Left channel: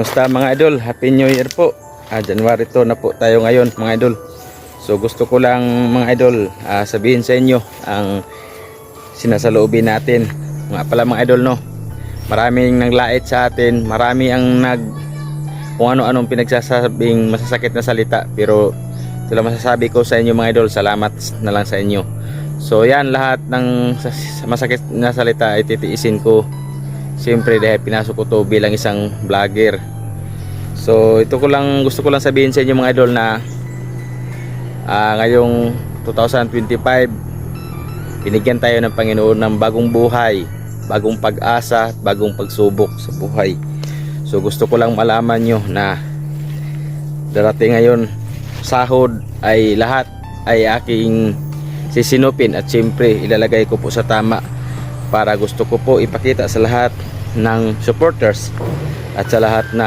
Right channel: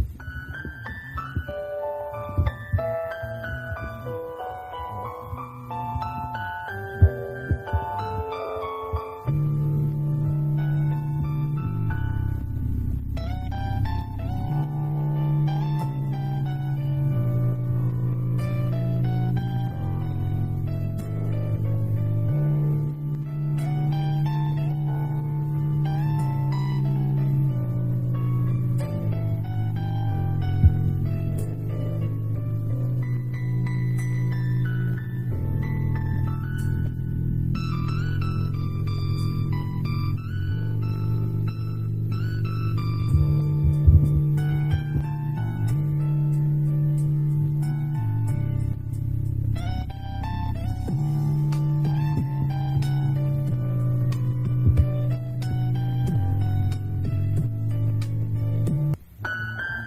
Kumusta mga idol? Happy New Year po. January 2 na po tayo ngayon mga idol. So gusto ko lang mga idol sabihin sa inyo ang sinasaloobin natin. Mga pala mga idol, no, maraming naglait sa atin, marami ang kung ano-anong pinagsasabing masasakit na salita, pero ito lang masasabi ko sa inyo mga idol, salamat na lang sa inyo. So yan, lahat ng masakit na salita ay titiisin ko, siyempre dahil pinasok ko to bilang isang vlogger. So gusto ko lang sabihin sa inyo mga idol na ngayong 2025 binigyan tayo ng Panginoon ng bagong buhay, bagong pag-asa, bagong pagsubok sa buhay. So gusto ko lang malaman nyo na darating ngayon sahod ay lahat ay aking sisinupin, at siyempre ilalagay ko po sa tama, para gusto ko po ipakita sa lahat ng supporters at sa lahat na